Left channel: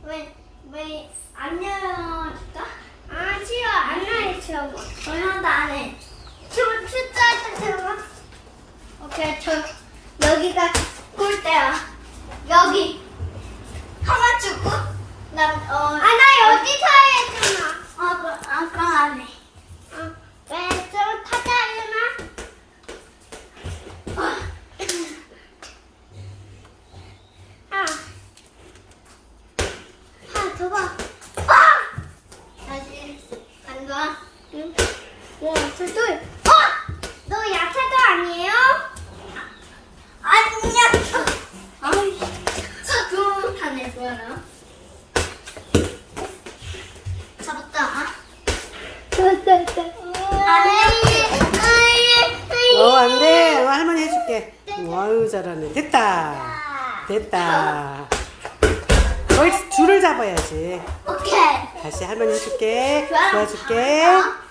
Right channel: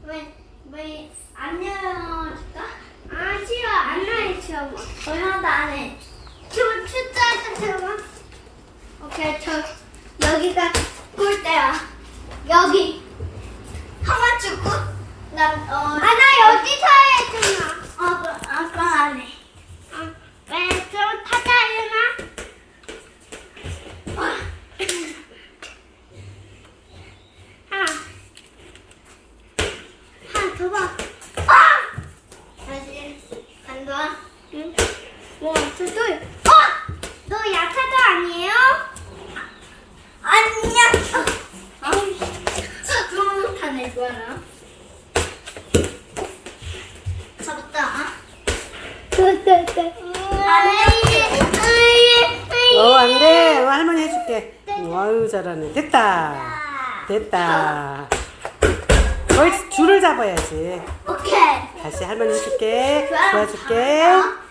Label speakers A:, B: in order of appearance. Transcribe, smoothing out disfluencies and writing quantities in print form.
A: 왜 안 열어줄까? 아 싫어 안 열어줘. 얼마나 안 해. 춤 춘다 춤. 오케이 저 여기가 꿀대야. 여기 하나 주고 나 여기서 해주나? 그럼 안 해. 왜 그럼 타자유나? 두 번. 다시 간다. 응. 둘. 너 약하도 아니에요? 아니야. 아이, 그럼 다 낼 거야 나. 잡았다.
B: 안 돼. 할머니 해줄게. 아유, 잘하네. 됐다. 거기 줄을 잡아야지.
A: 오케이.
B: 다시 할머니 해줄게. 도와줄게.